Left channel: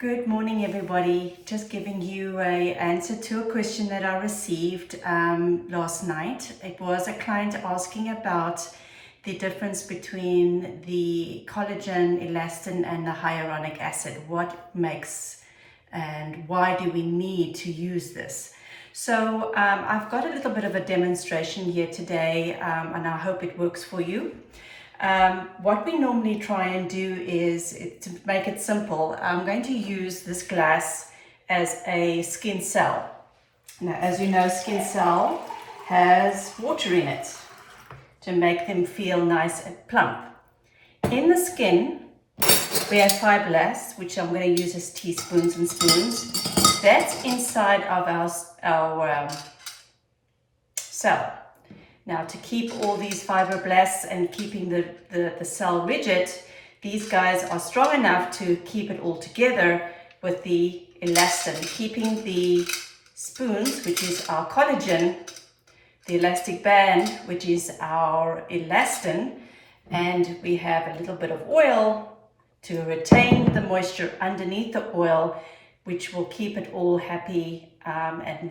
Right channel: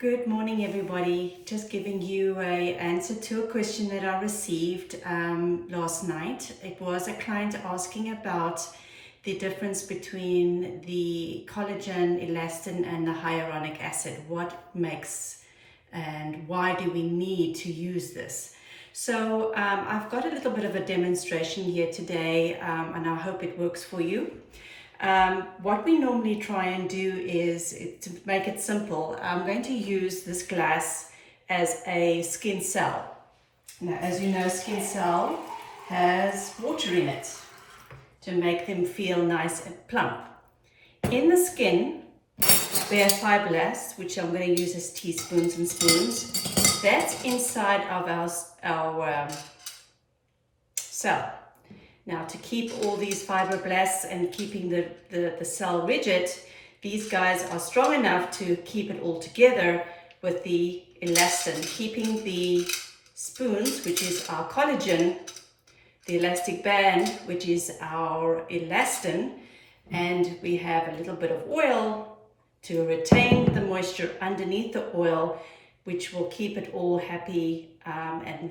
Good morning, everybody. Just giving you an answer to a question that I received last night. It was a client asking about the difference between the collagen, elastin, and the hyaluronic acid. What makes and why do we need to use this? So I've got a little bit of a demonstration here today, and I hope it works for you. What we normally try and do is, to make it simple, I'm going to use this glass as a skin cell. Now, as you know, skin cell has water in it to make them feel nice and plump. In the skin, we have fibroblasts, which I'm going to use as teaspoons and spoons. That's inside of our cell. Now, to keep all these fibroblasts and keeping the cell rigid, these guys are strong enough to keep it all together with the elastin, keeping the spoons, which is our collagen, the elastic band, which is our elastin, and we have a little bit of oil to retain the moisture underneath the oil, which will keep it all happy and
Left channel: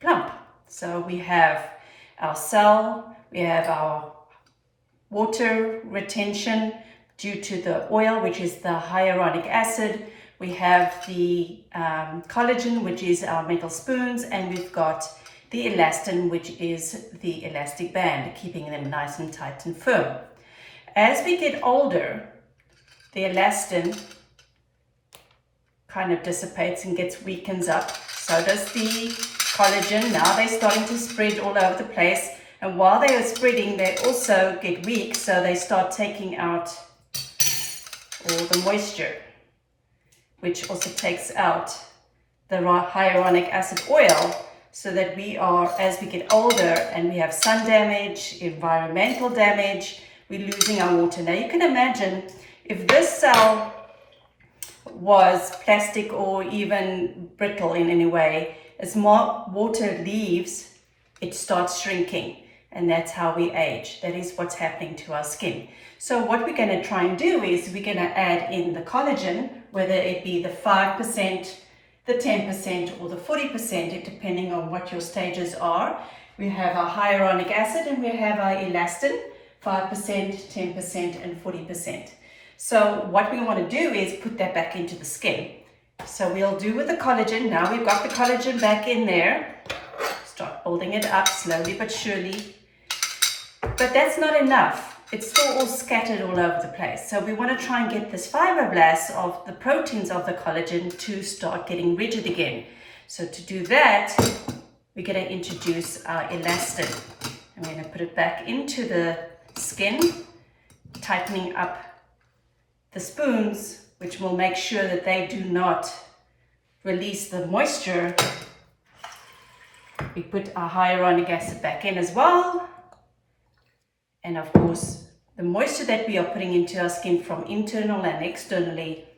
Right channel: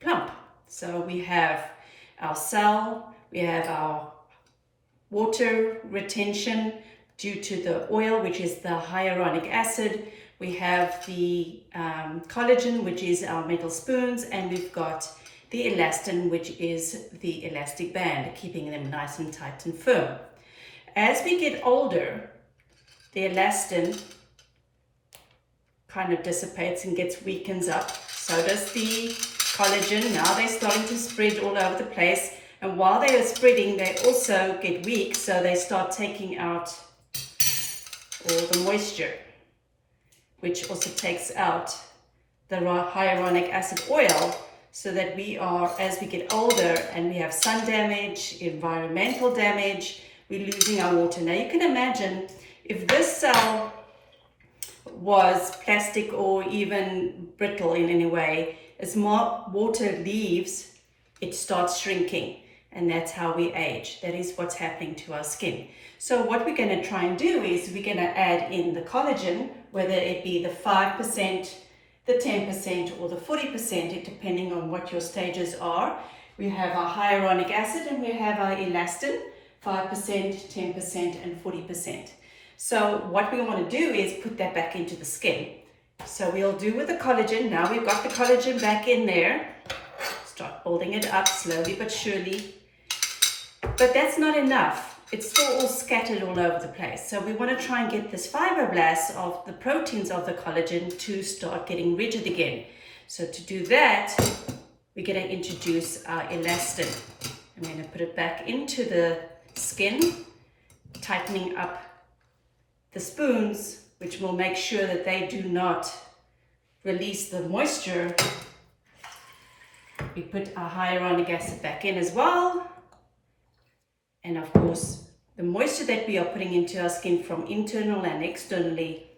plump. So we have our cell, we have our water retention due to the oil, which is the hyaluronic acid. We have the collagen, which is our metal spoons, and we've got the elastin, which is the elastic band, keeping them nice and tight and firm. As we get older, the elastin kind of dissipates and weakens up. So does the collagen. Now they're starting to spread all over the place, and while they are spreading, they also get weak, so they start taking out all the moisture, which also takes out the hyaluronic acid oil, so that we are, as we get older and we have sun damage, environmental damage, we're losing our water. Now you can imagine if this cell was plastic or even brittle in any way, as more water leaves, it starts shrinking, and that's how we age. That is what's happening to our skin. So what we're going to try and do is we're going to add in the collagen, whether it be the 5%, the 10%, or the 40%, depending on what your stages are. We have our hyaluronic acid and we have our elastin, 5%, 10%, and 40%. So what we want to do is put that back into the skin. So we'll do with the collagen. Now we've got the collagen back in there. Start building it up slowly but surely. But that's not enough. It's still all scattered all over the place. So we want to try and get this fibroblasts of the proteins of the collagen to start getting rigid again. So to do that, we're going to introduce our elastin. I'm going to put it back into the skin, tightening up the spoons, which will make sure that they do not release the moisture. We put our hyaluronic acid back in as well. And of course, the moisture that we are putting into our skin from internal and externally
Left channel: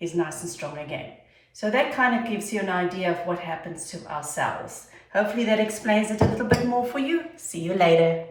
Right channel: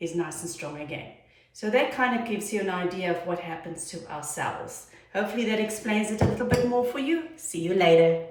is nice and strong again. So that kind of gives you an idea of what happens to our cells. Hopefully that explains it a little bit more for you. See you later.